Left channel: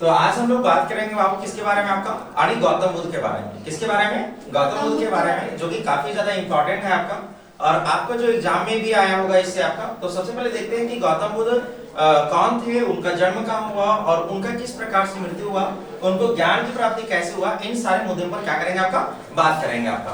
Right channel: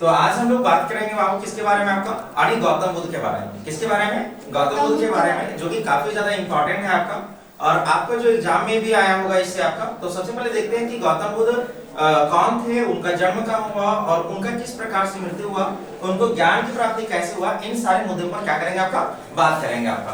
तो आज हम लोग बात करेंगे बाबू किसके बारे में आपका आणि गौतम बुद्ध के बारे में। किसके बारे में? गौतम बुद्ध के बारे में, जो कि काफी ज्यादा इंपॉर्टेंट है आपका और आपका जो एग्जाम में भी आया होगा इससे आपका। तो सबसे पहले देखते हैं कि गौतम बुद्ध कौन थे, उनका जन्म कहाँ हुआ और उनका किस प्रकार से मृत्यु हुआ, उनको ज्ञान की प्राप्ति कैसे हुआ, इन सारे मुद्दों पर क्या करेंगे आपका, बात करेंगे आपका।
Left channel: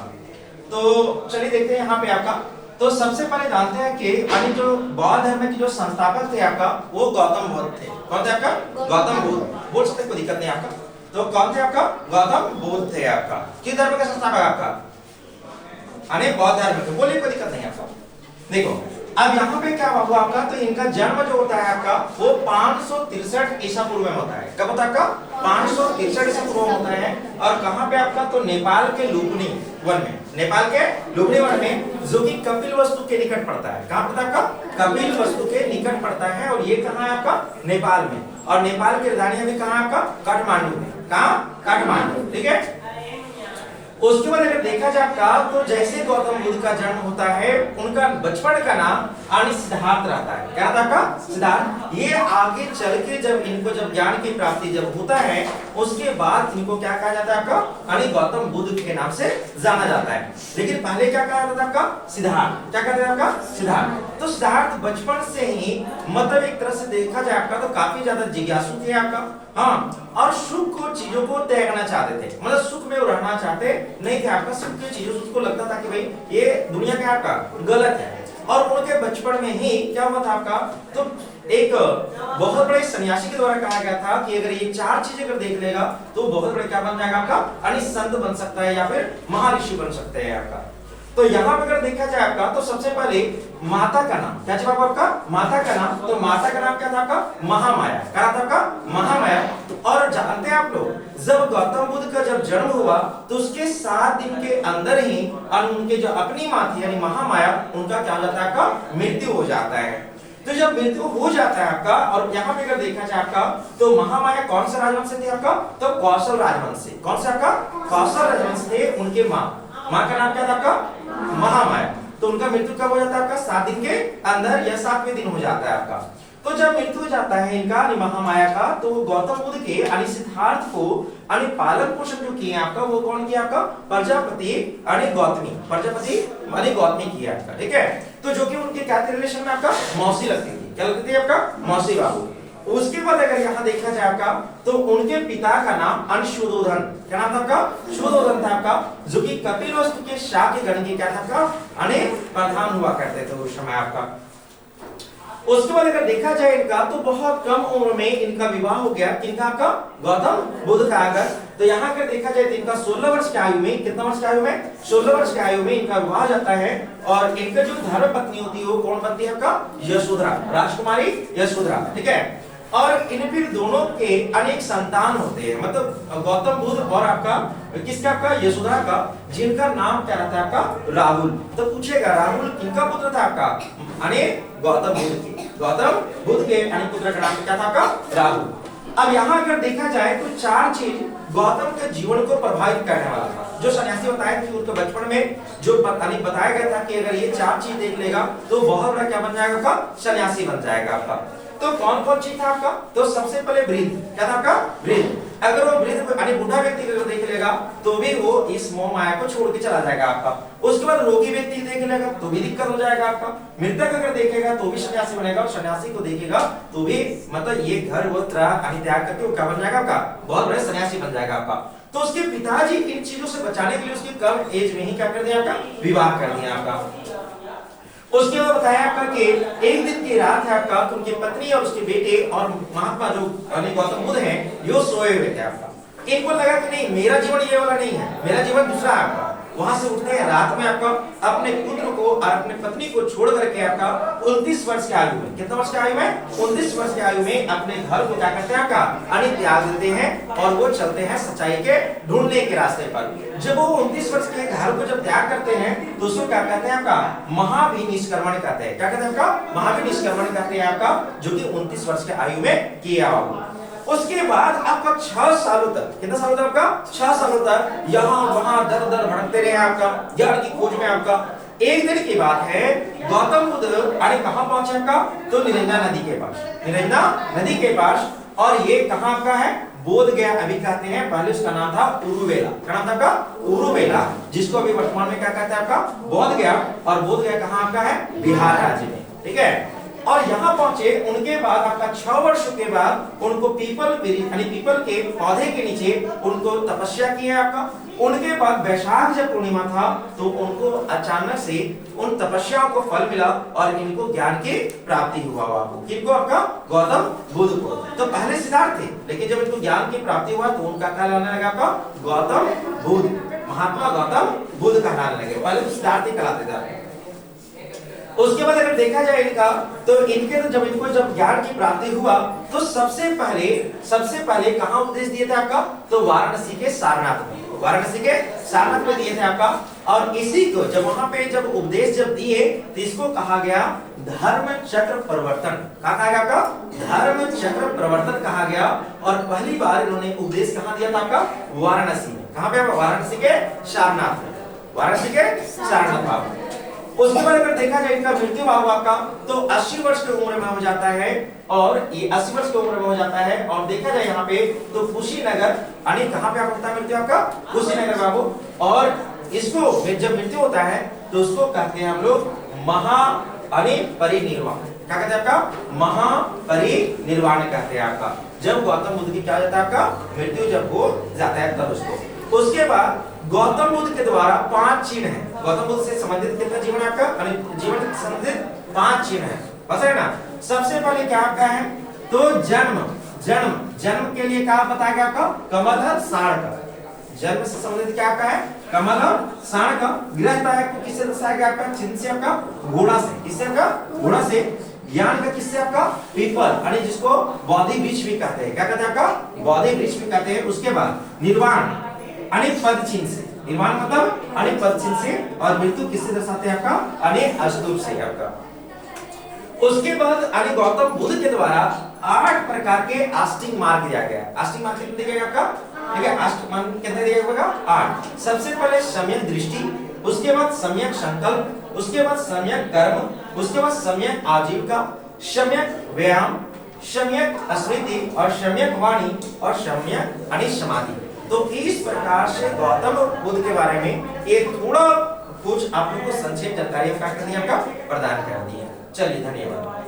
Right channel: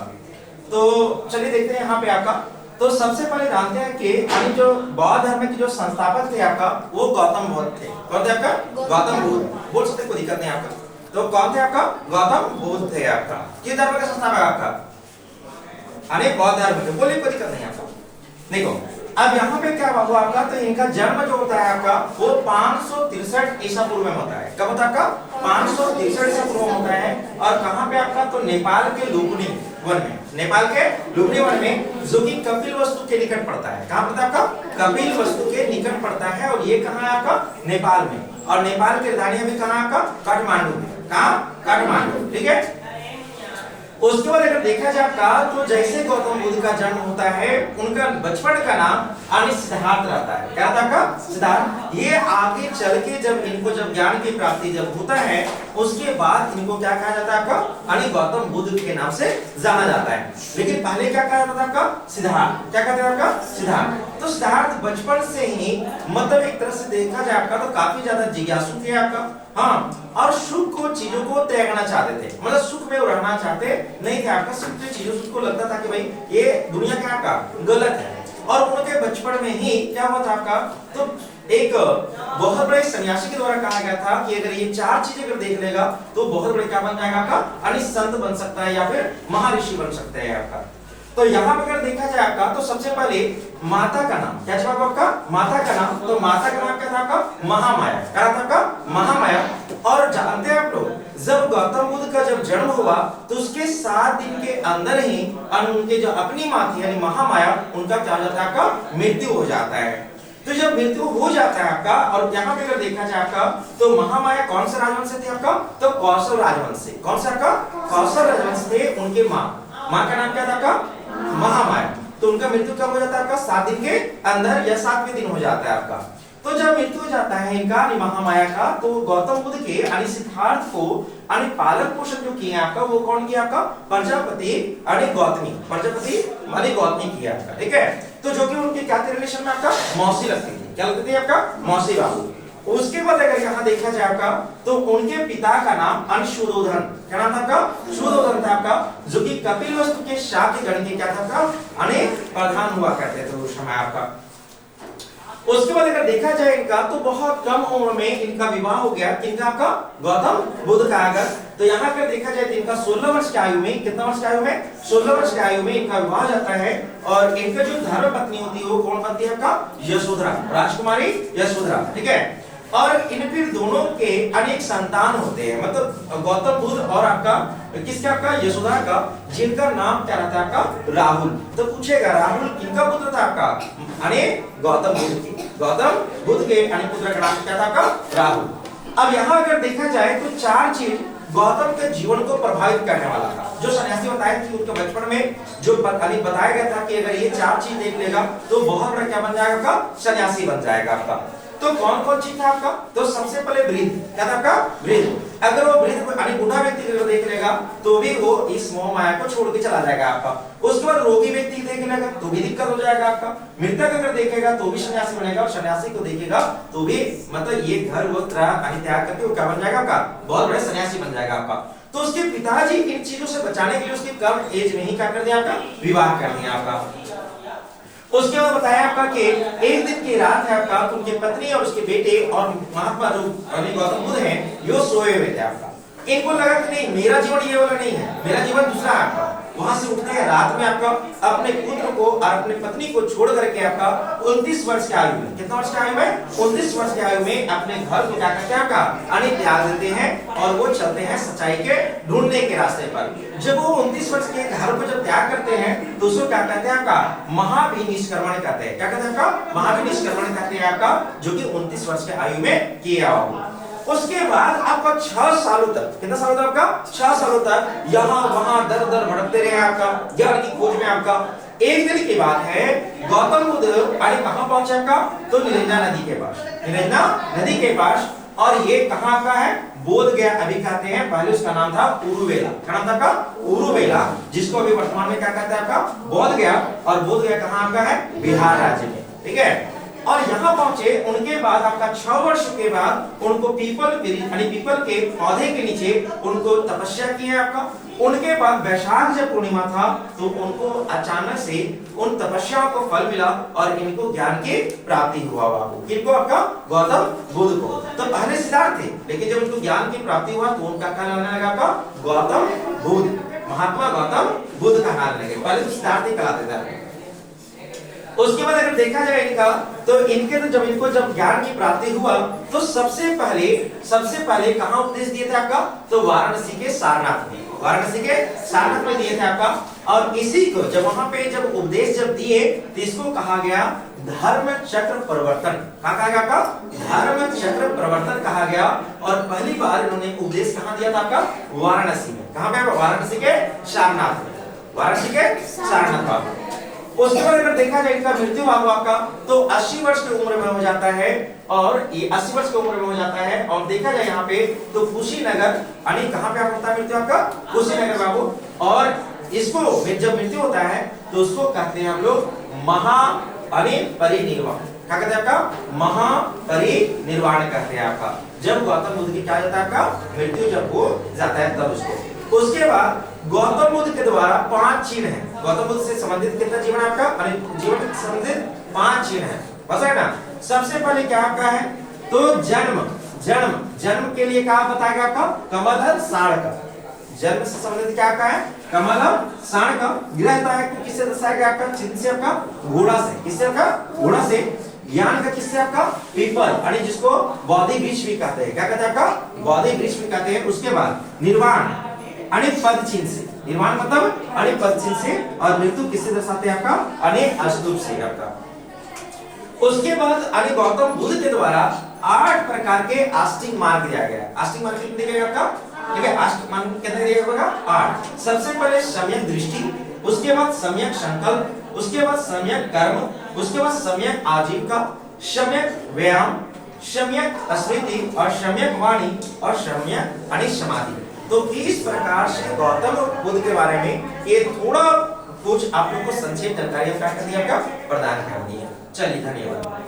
तो चलिए देखते हैं यहाँ पे आपका। तो सबसे पहले जानते हैं कि जो बौद्ध धर्म के जो संस्थापक थे आपका वो गौतम बुद्ध थे। कौन थे आपका? गौतम बुद्ध। बोल सकते, कोई दिक्कत नहीं आपका। तो कौन थे आपका? गौतम बुद्ध थे आपका। किस धर्म का संस्थापक आपका? बौद्ध धर्म के। बोलिए, कोई दिक्कत नहीं आपका। देखो अब यहाँ पे क्या हुआ आपका, तो इनका जन्म जो होता है आपका वो 563 ईसा पूर्व में होता है। कब होता है आपका? 563 ईसा पूर्व में होता है। और कहाँ पे आपका? तो नेपाल के लुम्बिनी वन में। नेपाल के लुम्बिनी वन में, जो कि कपिलवस्तु के निकट पड़ता है। कहाँ पड़ता है आपका? कपिलवस्तु के निकट पड़ता है। और ये कहाँ है आपका? नेपाल में। और नेपाल की राजधानी भी कहाँ आपका? काठमांडू में। कहाँ? काठमांडू। ठीक है। उसके बाद अगर देखा जाए आपका, तो जैसे गौतम बुद्ध का जन्म होता है, उनका बचपन का नाम सिद्धार्थ रहता है। क्या था? सिद्धार्थ। ये आगे चल के जब इनको ज्ञान की प्राप्ति जब होता है, उसके बाद इनको क्या कहा जाता है आपका? गौतम बुद्ध के नाम से जाना जाता है। लेकिन पहले क्या कहा जाता है आपका? सिद्धार्थ। क्या कहते हैं आपका? सिद्धार्थ। तो सिद्धार्थ बचपन से ही मतलब एक तरह से देखा जाए आपका तो काफी ज्यादा जिज्ञासु थे आपका। हाँ, और सुख को चीजों को त्यागना चाहते थे, मतलब सुख में वो रहना चाहते नहीं थे आपका। सुख की चीजों को लगता था कि भाई ये दुनिया का आपका गलत है। और उनके बचपन में ही क्या हुआ था आपका, तो एक बहुत बड़े सन्यासी के द्वारा कहा गया था कि अगर ये चार चीजें अगर देख लेगा तो बहुत बड़े क्या बन जाएगा आपका, संत बन सकता है या फिर महर्षि बन सकते हैं आपका। तो यहाँ पर अगर देखा जाए आपका, तो सबसे पहले माता का नाम क्या था आपका? माता का नाम। तो माता का नाम क्या था आपका? महामाया। क्या था आपका? महामाया। और जानते हैं आप लोग, जब गौतम बुद्ध का जब जन्म हुआ तो उसके 7 दिन के अंदर ही उनके जो अपनी माँ थी यानी महामाया, उनका क्या हो जाता है आपका? मृत्यु हो जाता है। तो जब मृत्यु हो जाता है आपका, और यहाँ पे अगर देखा जाए आपका, तो महामाया कौन सा राजवंश से थे आपका? तो कौशल राजवंश से। कौन सा आपका? कौशल राजवंश थे। उनके माँ का नाम क्या था आपका? महामाया। तो उनका मृत्यु कब हो जाता है आपका? 7 दिन के अंदर या 7वें दिन हो जाता है आपका। तो जब मृत्यु हो जाता है इनका महामाया का, तो गौतम बुद्ध के सिद्धार्थ को पालन पोषण जो किया आपका, वो कौन किया आपका? प्रजापति गौतमी। प्रजापति गौतमी किया आपका। ठीक है। तो जो कि उनके क्या थे रिलेशन में आपका? मौसी लगती थी। क्या लगती थी आपका? मौसी बाबू। उसके बाद अगर यहाँ देखा जाए आपका, तो उनके पिता का नाम शुद्धोधन। क्या नाम था आपका? शुद्धोधन था आपका, जो कि कपिलवस्तु के शाक्य गण के क्या था आपका? प्रधान हुआ करते थे उस समय आपका। उसके बाद अगर देखा जाए इनका, तो बहुत कम उम्र में इनका विवाह हो गया। किनका? आपका गौतम बुद्ध का। अगर तो यहाँ पर देखा जाए तो इनका 16 वर्ष की आयु में, कितना वर्ष की आयु में? 16 वर्ष की आयु में इनका विवाह जाता है। और इनका जो धर्म पत्नी होती है वो कौन बनती है आपका? यशोधरा, राजकुमारी यशोधरा। ठीक है। और इन फिर दोनों के अनेक संतान होते हैं, मतलब गौतम बुद्ध और आपका किसका? आपका यशोधरा का, जिनका नाम क्या रहता है आपका? राहुल। तो पूछेगा राहुल किनका पुत्र था आपका? गौतम बुद्ध के। गौतम बुद्ध के पुत्र का नाम क्या था आपका? राहुल। अब यहाँ अगर देखा जाए तो 4 चीज गौतम के जीवन को प्रभावित करने वाला था। जो सन्यासी बताया कि उनके बचपन में जो बताया गया था कि अगर ये 4 चीज देख लेगा तो बहुत बड़ा क्या बन जाएगा आपका? सन्यासी बन जाएगा आपका। तो कौन कौन चीज था आपका? तो सबसे पहले वृद्ध। क्या था आपका? वृद्ध। अगर वो वृद्ध बूढ़ा व्यक्ति को देख लेगा तो भी वो इस मोह माया को छोड़ के चला जाएगा आपका। उसके बाद रोगी व्यक्ति देख लेगा तो भी दिक्कत हो जाएगा आपका। मृतक अगर देखेगा तो भी सन्यासी बनेगा, और सन्यासी को देखेगा तो भी मतलब ये घर वो त्याग करके वो क्या बन जाएगा आपका? बहुत बड़े सन्यासी बन जाएगा आपका। तो उसके पिताजी इन चीजों से बचाने के लिए उसकी कम एज में ही क्या कर दिया आपका? विवाह कर दिया आपका। उसके बाद बताया आपका कि एक दिन की रात है आपका, उनकी पत्नी और उसके बेटे और महात्मा जो गौतम बुद्ध हैं, यो सोए हुए थे आपका। इनको लगा कि नहीं, मेरा जीवन ये वाला नहीं है, मेरा जीवन दूसरा है आपका। वहां से उठते हैं रात में आपका, अपने पुत्र को और अपने पत्नी को छोड़ करके आपका 29 वर्ष की आयु में, कितना वर्ष की आयु में? 29 वर्ष की आयु में अपने घर को क्या करते हैं आपका? त्याग देते हैं और वो चलते हैं सच्चाई के ढूंढने के रास्ते पर। जब वो 29 वर्ष के घर को जब त्याग करते हैं तो उसको क्या कहते हैं आपका? महाभिनिष्क्रमण कहते हैं। क्या कहते हैं आपका? महाभिनिष्क्रमण कहते हैं आपका, जो कि 29 वर्ष की आयु में किया होगा। उसके बाद आपका 6 सालों तक, कितना सालों तक आपका? 6 सालों तक यहाँ वहां दर दर भटकते रहे आपका ज्ञान की खोज में आपका। एक दिन की बात है, गौतम बुद्ध कहाँ पहुंचे आपका? तो निरंजना नदी के पास। निरंजना नदी के पास और ये कहाँ का है? बोध गया अभी कहते हैं, पहले उसका नाम था उरुवेला। क्या नाम था आपका? उरुवेला, जिसको अभी वर्तमान में क्या कहते हैं आपका? बोध गया। और बोध गया कहाँ आपका है? बिहार राज्य में, ठीक है। और यहाँ पहुंचे, उनके बाद आपका 6 वर्ष के बाद उनको पीपल के पौधे के नीचे उनको तपस्या की है आपका। उनके बाद वैशाख जब पूर्णिमा था तो उनको अचानक से उन तपस्याओं को फल मिला और इनको ज्ञान की प्राप्ति हुआ। किनको? आपका गौतम बुद्ध को। तो पहले सिद्धार्थ थे, लेकिन जब इनको ज्ञान की प्राप्ति हुआ तो उनका क्या कहलाने लगा? आपका गौतम बुद्ध, महात्मा गौतम बुद्ध कहलाने लगे। पहले तो सिद्धार्थ ही कहलाते थे। उसके बाद अगर देखा जाए इनका, तो इनके तो जब ज्ञान की प्राप्ति हुआ तो सबसे पहले कहाँ उपदेश दिए थे आपका? तो वाराणसी के सारनाथ में, में दिए थे आपका। और इसी को जब वहां पे जब उपदेश दिए तो इसको कहा गया धर्म चक्र प्रवर्तन। कहा गया आपका? धर्म चक्र प्रवर्तन कहा गया। और पहली बार इन्होंने उपदेश कहाँ दिया था आपका? वाराणसी में। कहाँ पे? वाराणसी के सारनाथ में, उसके बाद अगर देखा जाए इनका मृत्यु बाबू आपका तो 80 वर्ष की उम्र में हो जाता है। और ये 80 वर्ष की उम्र में हो जाता है। और देखा जाए यहाँ पे तो कुशीनगर, यानी कहाँ पे होता है मृत्यु आपका? कुशीनगर बाबू। और इसको जब मृत्यु होता है तो उसको कहते हैं हम लोग महापरिनिर्वाण। क्या कहते हैं आपका? महापरिनिर्वाण कहते हैं आपका। जब गौतम बुद्ध की क्या जाता है आपका? मृत्यु जब हो जाता है तब उसको। उसके बाद गौतम बुद्ध के द्वारा 5 चिन्ह है। गौतम बुद्ध से संबंधित कितना जीवन आपका? जीवन से संबंधित 5 चिन्ह है, बस है ना। सबसे पहले क्या आपका है? तो जन्म के लिए क्या बताएगा आपका? कमल साण का। जन्म से संबंधित क्या आपका है? कमल साण का। गृहता है को किससे दर्शाएगा आपका? चिन्ह से आपका? घोड़ा से। किससे आपका? घोड़ा से। ज्ञान का किससे आपका? पीपल, यानी जिसको बौद्धि वृक्ष भी कहते हैं। क्या कहते हैं आपका? बौद्धि वृक्ष भी कहते हैं। उसके बाद निर्वाण, अनेक पद चिन्ह से। निर्वाण मतलब अनेक पद चिन्ह से। और मृत्यु किससे दर्शाते हैं आपका? अनेक अस्तूप से आपका। उसके बाद अने गौतम बुद्ध के द्वारा 8 प्रकार के आस्तिक मार्ग दिया गया। आस्तिक मार्ग कितने दिया गया आपका? ठीक है, आस्तिक मार्ग कितने दिया गया? 8। सबसे पहले सम्यक दृष्टि, उसके बाद सम्यक संकल्प, उसके बाद सम्यक कर्म, उसके बाद सम्यक आजीविका, सम्यक व्यायाम, सम्यक स्मृति और सम्यक वाणी और सम्यक समाधि। तो इस प्रकार से गौतम बुद्ध के बारे में ये थोड़ा कुछ आप लोगों को संक्षेप जानकारी आपका प्रदान कर दी है। चलिए, धन्यवाद।